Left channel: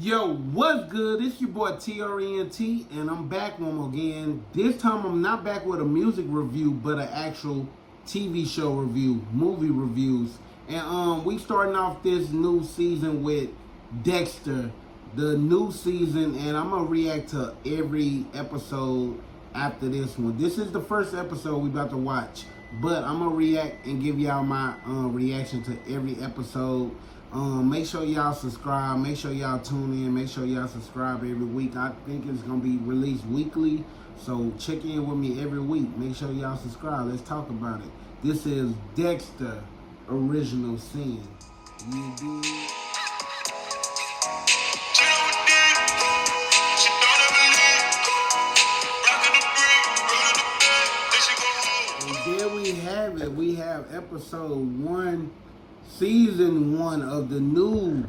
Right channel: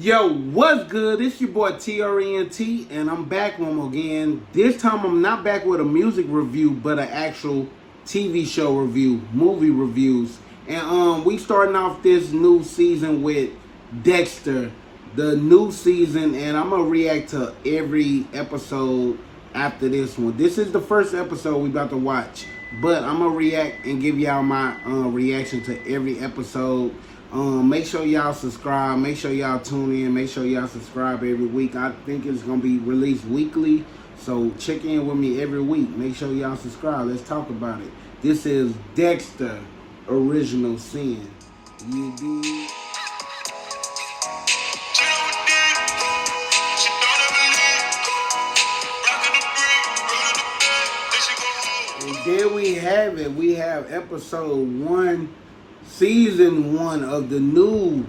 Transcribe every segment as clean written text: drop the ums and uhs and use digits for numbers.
Yo, what's good? It's your boy TRENT, and I'm back one more again. This time I'm not back with a music review, but an actual TV show review, movie reviews. And we starting off this new season with Dexter, the new season, and I'm gonna react to every episode after this one. This is the first episode we about to watch, but I'm gonna react and give y'all my reaction to every episode. Make sure y'all subscribe. Make sure y'all tune in. Make sure y'all subscribe every week. I think it's gonna be released weekly, so check in with me every week. Make sure y'all subscribe. Let's talk about it. This is Dexter, Original Sin. You dig? And there we have it. We have episode 1, season 1 of the new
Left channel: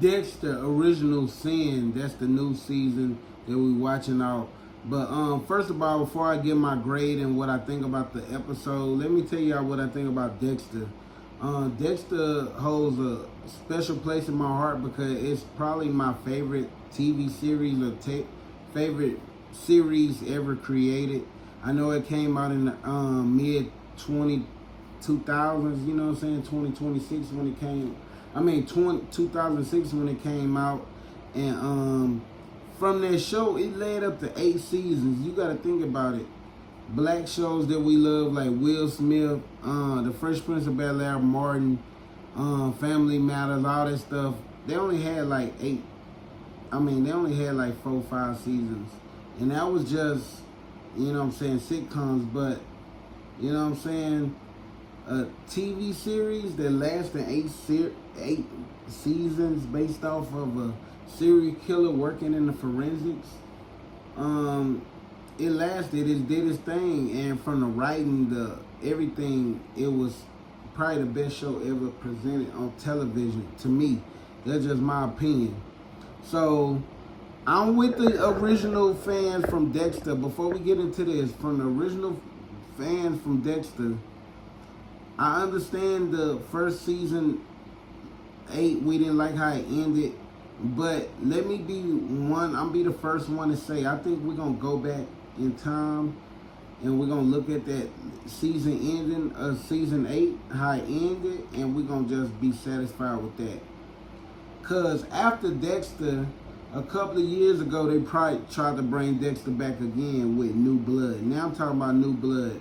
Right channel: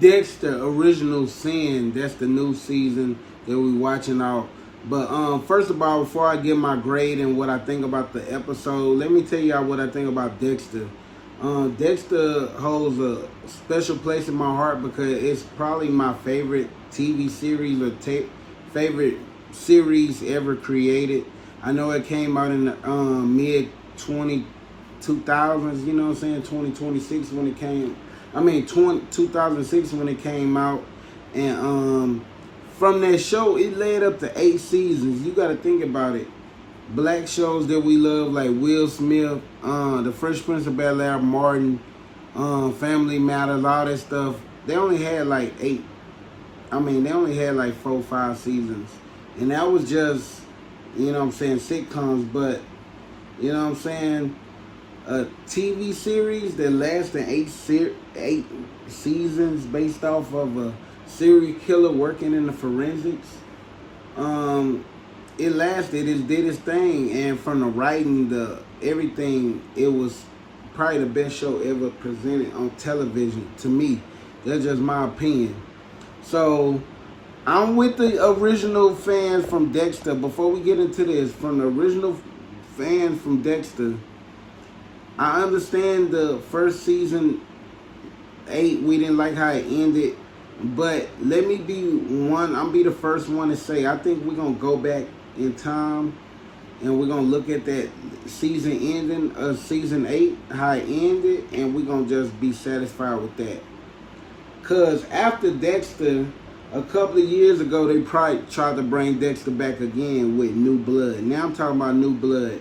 Dexter Original Sin. That's the new season that we watching out. But first of all, before I give my grade and what I think about the episode, let me tell y'all what I think about Dexter. Dexter holds a special place in my heart because it's probably my favorite TV series or favorite series ever created. I know it came out in the mid 2000s, you know what I'm saying, 2026 when it came. 2006 when it came out. And from that show, it led up to 8 seasons. You got to think about it. Black shows that we love, like Will Smith, The Fresh Prince of Bel-Air, Martin, Family Matters, all that stuff. They only had like 8. They only had like 4 or 5 seasons. And that was just, you know what I'm saying, sitcoms. But, you know what I'm saying, a TV series that lasted 8 seasons based off of a serial killer working in the forensics. It lasted, it did its thing, and from the writing, everything, it was probably the best show ever presented on television to me. That's just my opinion. So I'm with the original fans from Dexter. Before we get into this, from the original fans from Dexter, I understand the first season 8, we didn't like how it ended, but let me I'll be the first one to say, I think we're going to go back in time and we're going to look at that season ending of season 8, how it ended, and we're going to just be satisfied with that. Because after Dexter, a couple of years ago, they probably tried to bring Dexter back again with New Blood. Now I'm talking about New Blood.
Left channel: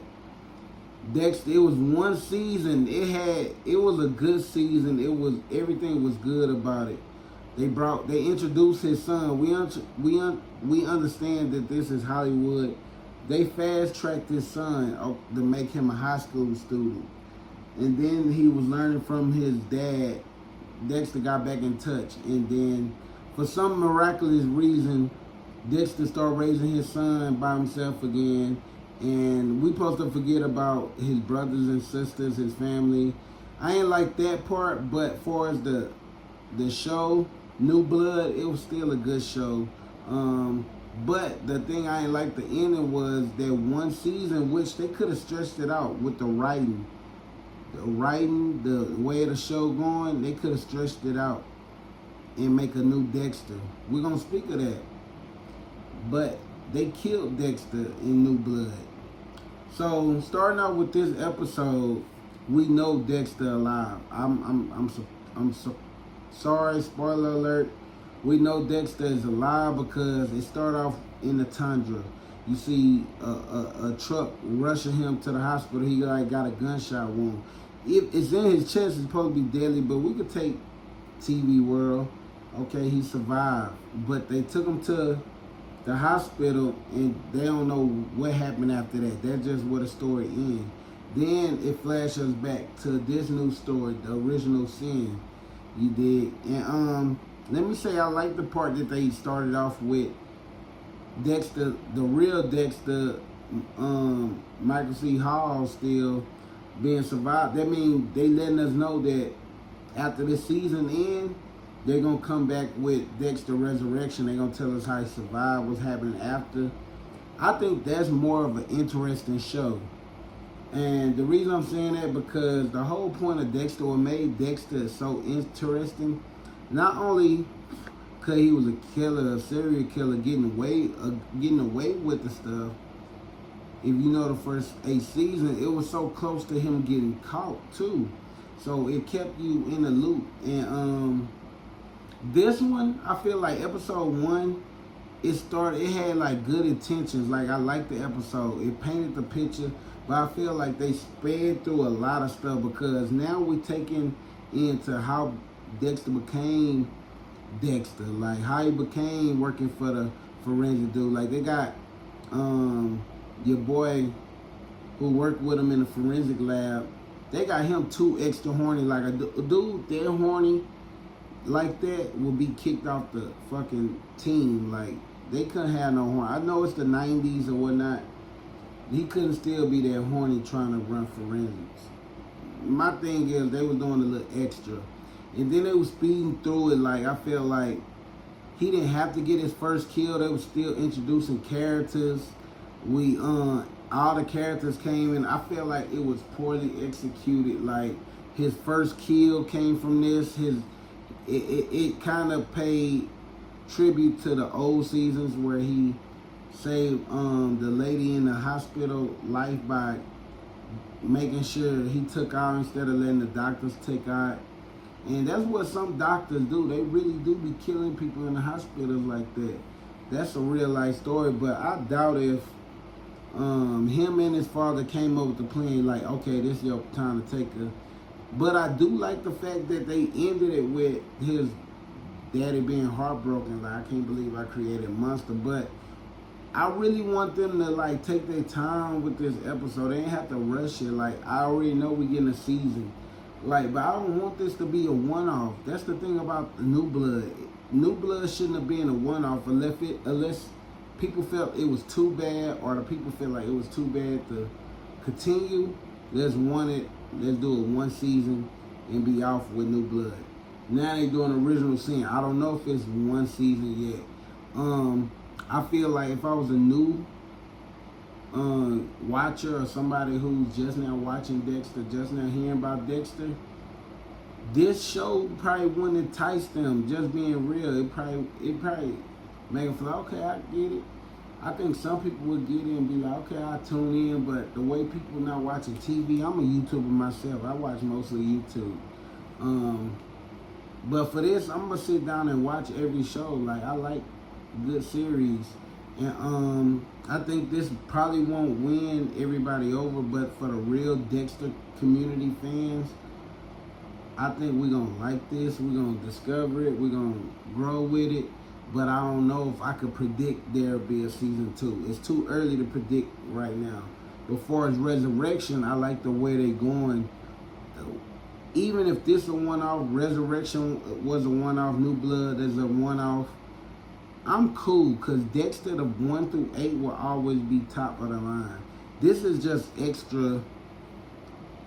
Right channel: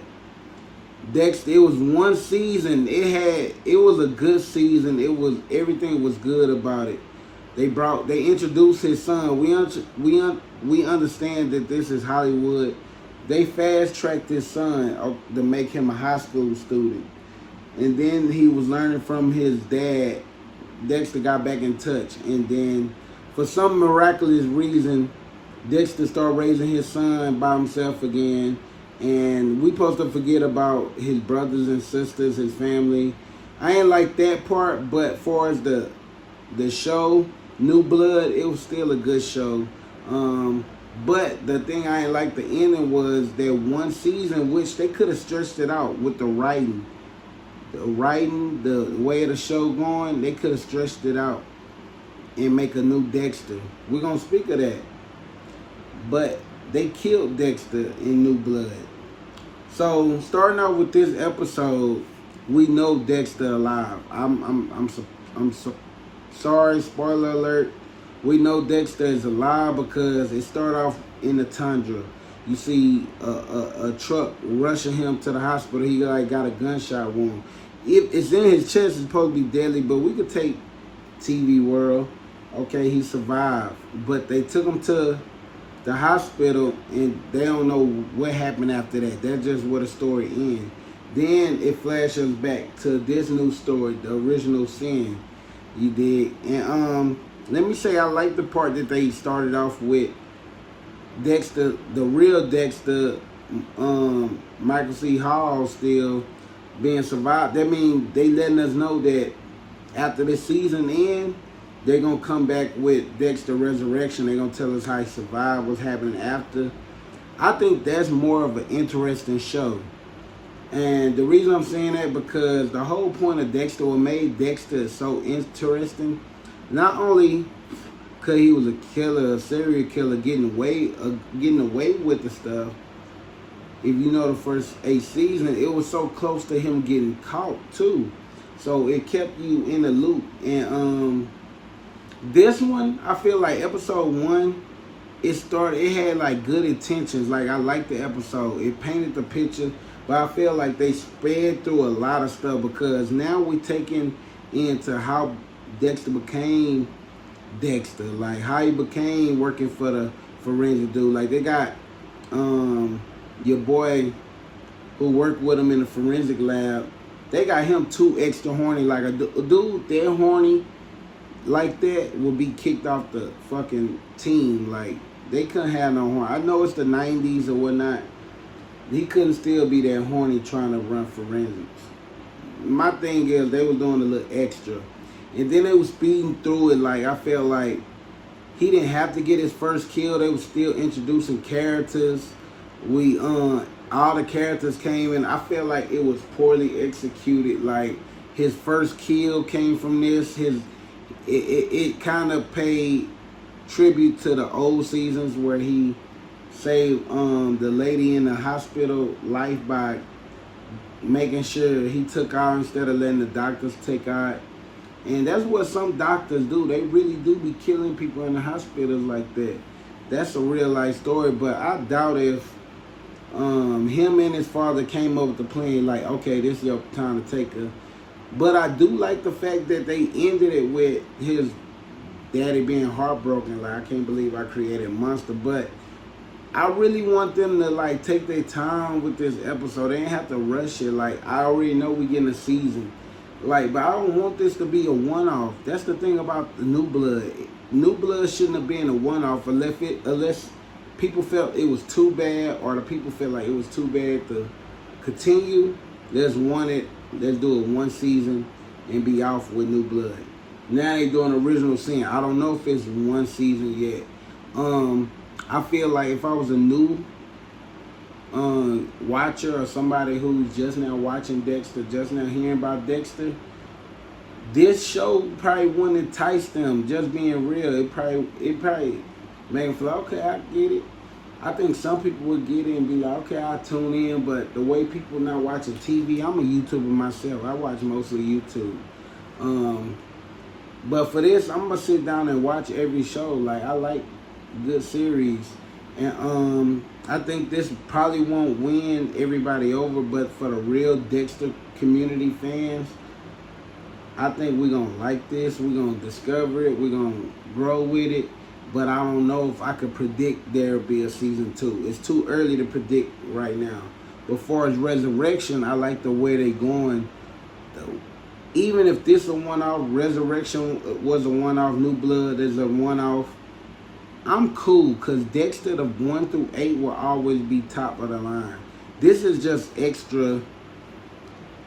Dexter, it was one season. It was a good season. Everything was good about it. They introduced his son. We understand that this is Hollywood. They fast tracked his son to make him a high school student. And then he was learning from his dad. Dexter got back in touch. And then for some miraculous reason, Dexter started raising his son by himself again. And we supposed to forget about his brothers and sisters, his family. I ain't like that part, but as far as the show, New Blood, it was still a good show. But the thing I ain't like the ending was that one season, which they could have stretched it out with the writing. The way of the show going, they could have stretched it out and make a new Dexter. We're going to speak of that. But they killed Dexter in New Blood. So starting out with this episode, we know Dexter alive. I'm sorry, spoiler alert. We know Dexter is alive because it started off in the tundra. You see a truck rushing him to the hospital. He got a gunshot wound. It's in his chest. It's supposed to be deadly, but we could take TV World. Okay, he survived, but they took him to the hospital, and they don't know what happened after that. That's just where the story ends. Then it flashes back to this new story, the Original Sin. You dig? And let me say, I like the part that they started off with Dexter, the real Dexter, Michael C. Hall still being survived. That means they letting us know that after this season ends, they're going to come back with Dexter Resurrection. They're going to tell us how he survived, what's happening after. I think that's more of an interesting show. And the reason I'm saying that, because the whole point of Dexter, what made Dexter so interesting, not only because he was a killer, a serial killer, getting away with the stuff. If you know the first 8 seasons, it was so close to him getting caught too. So it kept you in the loop. And this one, I feel like episode 1, it had like good intentions. Like I liked the episode. It painted the picture, but I feel like they sped through a lot of stuff because now we're taking into how Dexter became Dexter. Like how he became working for the forensic dude. Like they got your boy who worked with him in the forensic lab. They got him too extra horny. Like a dude that horny like that would be kicked off the fucking team. Like they couldn't have no horn. I know it's the 90s or whatnot. He couldn't still be that horny trying to run forensics. My thing is they were doing a little extra. And then they was speeding through it. Like I felt like he didn't have to get his first kill. They was still introducing characters. All the characters came in. I felt like it was poorly executed. Like his first kill came from this. It kind of paid tribute to the old seasons where he saved the lady in the hospital life by making sure he took out instead of letting the doctors take out. And that's what some doctors do. They really do be killing people in the hospitals like that. That's a real life story, but I doubt if him and his father came up with the plan like, okay, this is your time to take her. But I do like the fact that they ended it with his daddy being heartbroken. Like, I can't believe I created a monster. But I really want them to like take their time with this episode. They ain't have to rush it. Like, I already know we getting a season. Like, but I don't want this to be a one-off. That's the thing about the New Blood. New Blood shouldn't have been a one-off unless people felt it was too bad, or the people felt like it was too bad to continue. Let's do it one season and be off with New Blood. Now they doing original sin. I don't know if it's one season yet. I feel like if I was a new watcher or somebody who's just now watching Dexter, just now hearing about Dexter, this show probably wouldn't entice them. Just being real, it probably make them feel like, okay, I get it. I think some people would get it and be like, okay, I'll tune in. But the way people not watching TV, I'm a YouTuber myself. I watch mostly YouTube. But for this, I'm gonna sit down and watch every show. Like, I like good series, and I think this probably won't win everybody over, but for the real Dexter community fans, I think we're gonna like this. We're gonna discover it. We're gonna grow with it. But I don't know if I could predict there'll be a season 2. It's too early to predict right now. But far as Resurrection, I like the way they going. Even if this is a one-off, Resurrection was a one-off, New Blood is a one-off, I'm cool, because Dexter, the 1 through 8 will always be top of the line. This is just extra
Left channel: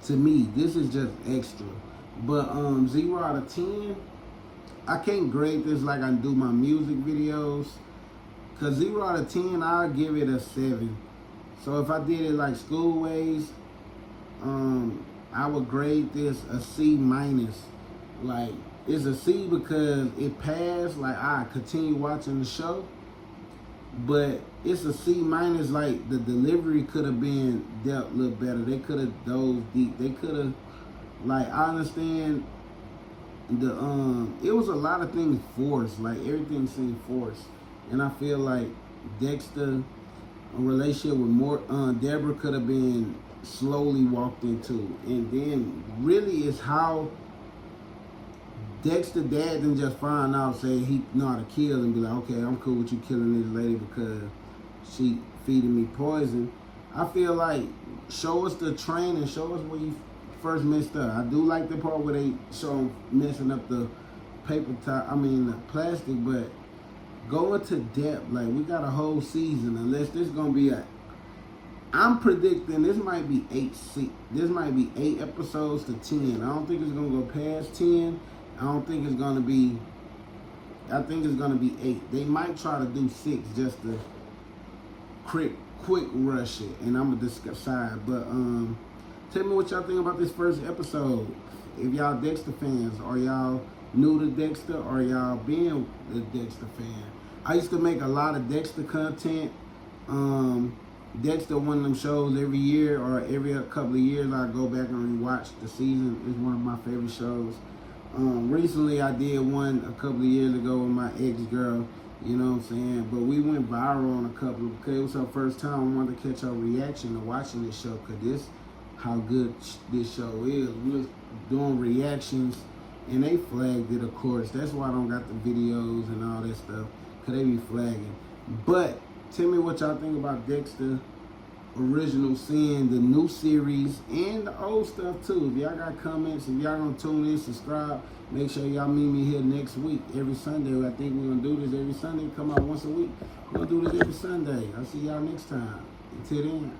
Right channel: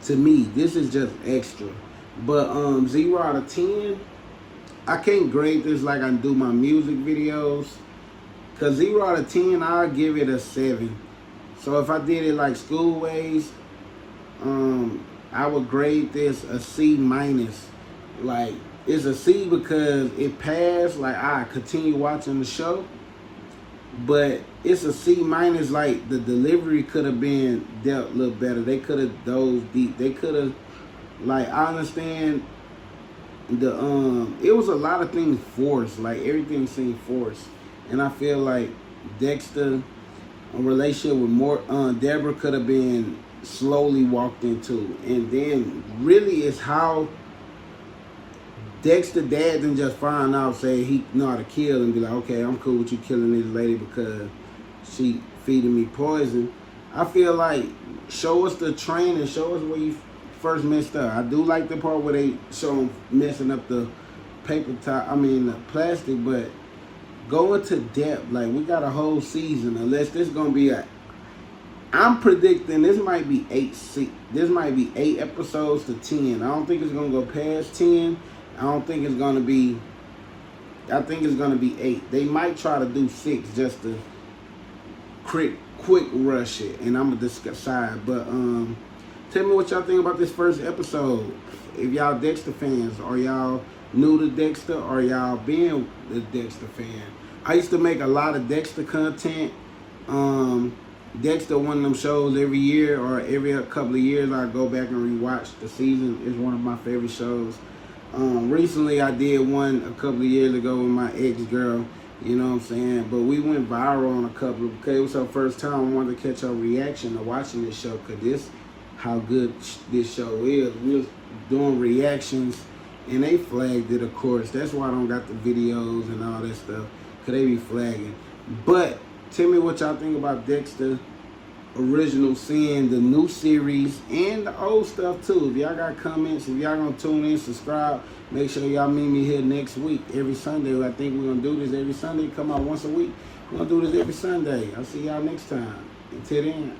to me. This is just extra. But 0 out of 10, I can't grade this like I do my music videos. Because 0 out of 10, I'll give it a 7. So if I did it like Schoolways, I would grade this a C minus. Like, it's a C because it passed. Like, I continue watching the show. But it's a C minus. Like, the delivery could have been dealt a little better. They could have dove deep. They could have, like, I understand it was a lot of things forced. Like, everything seemed forced. And I feel like Dexter, a relationship with Deborah could have been slowly walked into. And then really it's how Dexter dad didn't just find out, say he know how to kill, and be like, okay, I'm cool with you killing this lady because she feeding me poison. I feel like show us the training, show us where you first messed up. I do like the part where they show him messing up the the plastic, but go into depth. Like, we got a whole season, unless this gonna be I'm predicting this might be 8 episodes to 10. I don't think it's gonna go past 10. I think it's gonna be 8. They might try to do 6 just to quick rush it, and I'm gonna decide. But tell me what y'all think about this first episode. If y'all Dexter fans, are y'all new to Dexter or y'all been a Dexter fan. I used to make a lot of Dexter content. Dexter, one of them shows every year or every couple of years I go back and rewatch the season. It's one of my favorite shows. Recently I did one a couple of years ago with my ex-girl, you know what I'm saying? But we went viral on a couple of, because it was her first time. I wanted to catch her reaction to watching this show, because this how good this show is. We was doing reactions and they flagged it, of course. That's why I don't got the videos and all that stuff, because they be flagging. But tell me what y'all think about Dexter Original Sin, the new series, and the old stuff too. If y'all got comments, if y'all gonna tune in, subscribe, make sure y'all meet me here next week, every Sunday. I think we're gonna do this every Sunday, come out once a week. We're gonna do this every Sunday. I'll see y'all next time. Until then,